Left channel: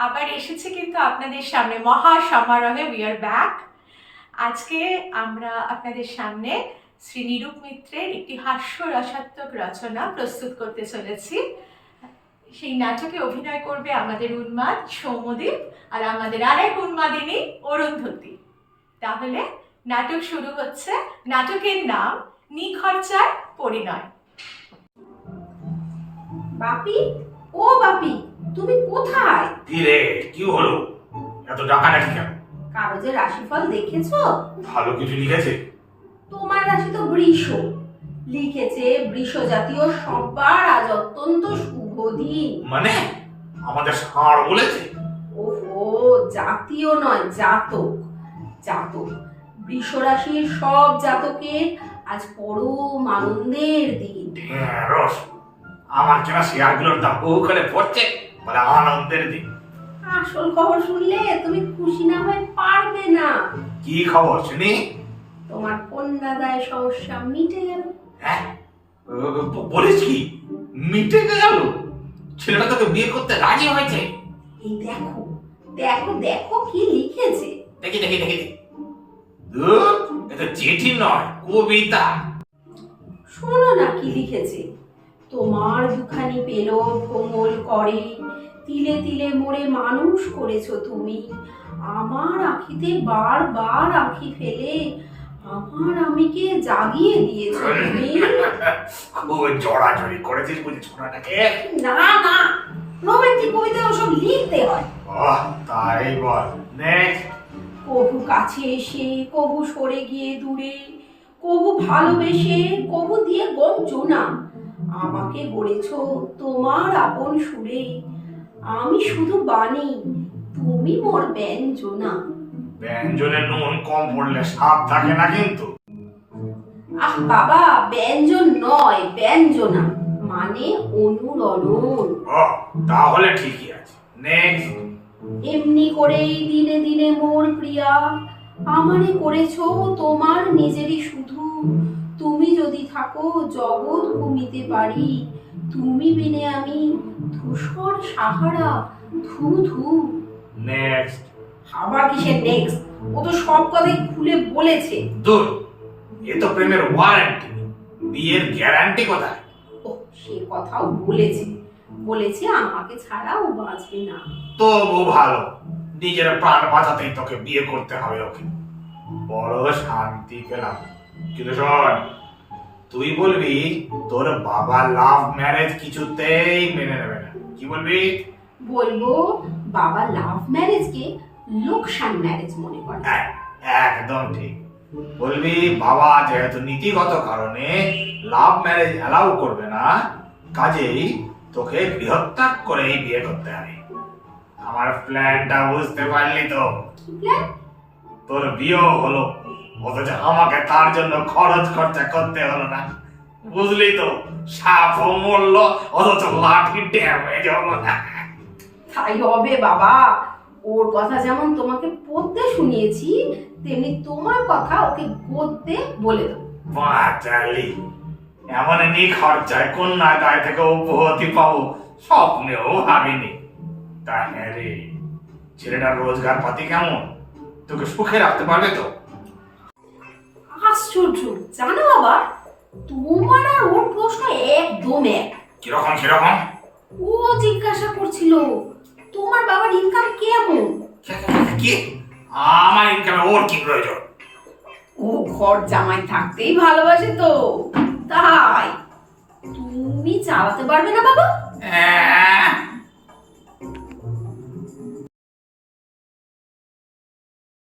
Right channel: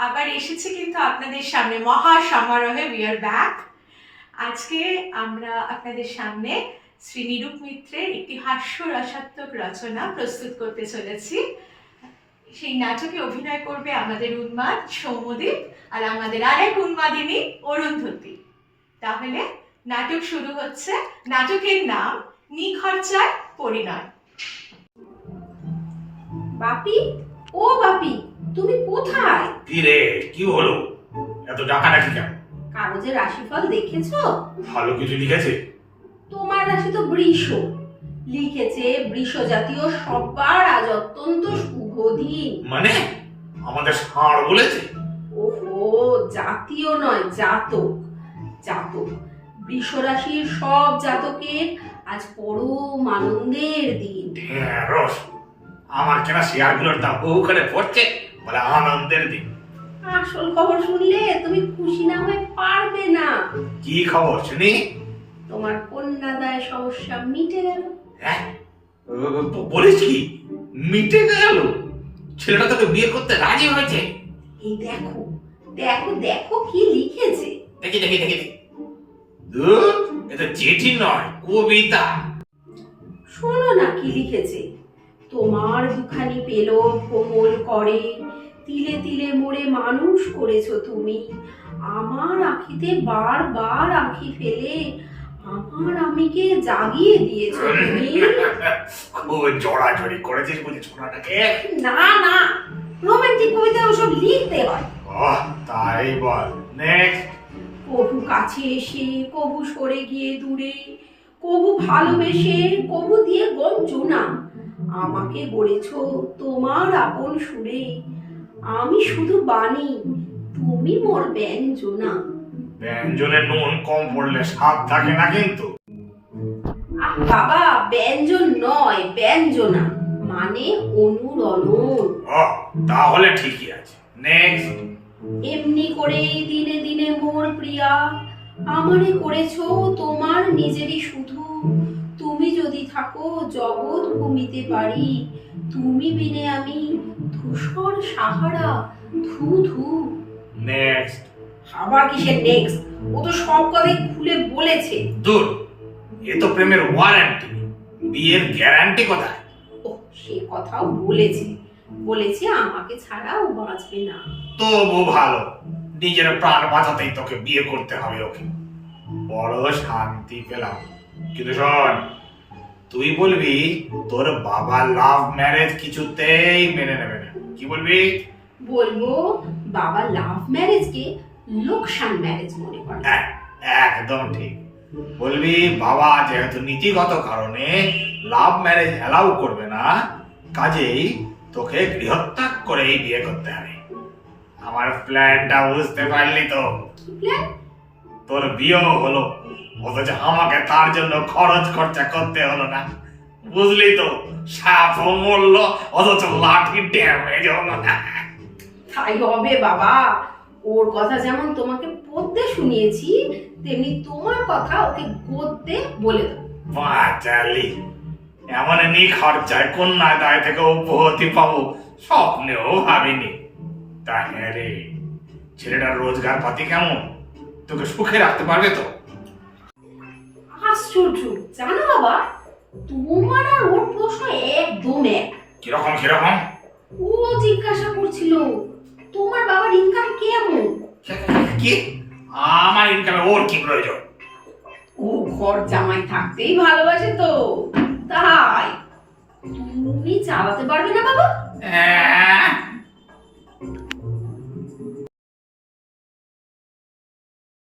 আবার এসেছি কিন্তু আপনাদের সামনে মহা সমারোহে উই আর ব্যাক আজকে আমরা আপনাদের সামনে শ্রী নিরূপ মিত্রের একটি হাস্যরসাত্মক রচনা প্রস্তুত করতে চলেছি। সেই নাটকে অভিনয় করবে আমাদের উন্মাদ সৌমদীপ আর আমাদের আরেক উন্মাদিনী অরুন্ধতী তাহলে নাটক শুরু হচ্ছে। নাটকের নাম নিখরচার পরিণয়। বাপি? ও বাপি! তুমি কোথায়? কি রে কি হলো? এত ডাকাডাকি কেন? কাগজের রাশিফল দেখেছ? ভালো কিছু লিখেছে? তোমার রাশি তো বৃষ। লিখেছে বৃষ জাতীয় সব্বার আজ অত্যন্ত শুভ দিন। মানে? আমাদের ষাঁড় বলেছে? ওহো জাতীয় নয় জাতক। জাতক। বৃষ রাশির সব জাতকের আজ পরম আনন্দের দিন। ঢেঁড়স আমার কেনা শেয়ারগুলোর দাম ওখানে পড়ছে। বলে আনন্দের দিন। আসল খবর শুনলে তুমি খুশি না হয়ে পারবে না। কি খবর শুনি? তোমার কন্যাদায় সমস্যা মিটে গেল। হ্যাঁ? বলিস কি? মিটে গেল? ছেলেটা তোকে বিয়ে করতে রাজি হয়েছে? এই দেখো দেখো দেখো কি লিখেছে। দেখি দেখি দেখি দেখি। এটা চিঠি নয় কবিতা। শোনো না কি লিখেছে। তোমার দুখানি পেল কোমল করে তিলে তিলে মোড়ে মানুষ করেছ তুমি। আমার আখিতে বারবার আখি ফেলে আমার আমিকে জাগিয়ে দিয়েছ তুমি। খুব জড়াজড়ি করেছিস বুঝি ছোড়াটাকে না না রোমান্টিক কবিতা ওসব লিখতে হয়। তাই বল। নেক্সট কবু কাছে এসে কবু সরে গিয়ে দূরে কবু ভালোবেসে কবু দিয়ে গঞ্জনা। আমাকে গড়েছো তোমার আপন সুরে আমি শুধু বাণী তুমি মোর ব্যঞ্জনা। ব্যঞ্জনে নুন কম পড়লে স্বাদ থাকে না কিন্তু। আহ বাবা ব্যঞ্জন নয় ব্যঞ্জনা। মানে অনুরণন। তাহলে ঠিকই আছে। নেক্সট এমনি করেই দিনে দিনে মোর প্রিয়া। আমারে করেছ তোমার নিজেরই শুধু। তুমি যদি থাকো জগৎ ঘুমিতে পারি তুমি বিনে আমি ধূসর সাহারা ধু ধু। নেক্সট আবার কিসের নেক্সট ও তো সব কথাই খুলে বলেছে। দূর। এ তো প্রেমের ওয়ারেন্টি বিয়ের গ্যারান্টি কোথায়? ও সে কথাও বলেছে। বলেছে আমাকে ছাড়া ও বাঁচবে না। তবু ভালো। নিজের প্রাণ বাঁচাতেই তোকে বিয়ে করতে হবে ওকে। বড় শান্তি পেলাম। কিন্তু শোন তুই বলবি তোর বাবা লাভ ম্যারেজ কিছুতেই মেনে নেবে না। কি বলবি? বলব বাবা লাভ ম্যারেজকে লোকসান ম্যারেজ মনে করে। একদম ঠিক। বলবি বাবা যেহেতু নীতিগত কারণে লাভ ম্যারেজ অ্যালাউ করবে না কাজেই তোকে গৃহত্যাগ করেই বিয়ে করতে হবে। আমার প্ল্যানটা বুঝতে পারলি তো? প্ল্যান তোর বিয়েও হলো। অথচ আমাকে তার জন্য খরচ খরচা করতে হলো না। বুঝলি তো সাপ মরল অথচ লাঠি ড্যামেজ হলো না। তাই হবে বাবা। ওর কথা যেমন তোমাকে পড়তে শুনিয়েছি তেমনি তোমার কথা ওকে গদ্যে বলে দাও। বাঁচালি। এমন নি খরচায় কন্যা দায় থেকে উপহতি পাবো স্বপ্নেও ভাবিনি। তা হ্যাঁ রে ছেলেটার রোজগার পাতি কেমন? তোকে সুখে রাখতে পারবে তো? আশ্চর্য জানো বাবা তোমার আর ওর প্রশ্ন একদম এক। কীরকম কীরকম? ও জিজ্ঞাসা করছিল তোমার বাবার ইনকাম কেমন? কি? আমার ইনকামে ওর কি প্রয়োজন? ও ঘর জামাই থাকতেই ভালোবাসে তো তাই। তুমি চালাতে পারবে না বাবা? আহ,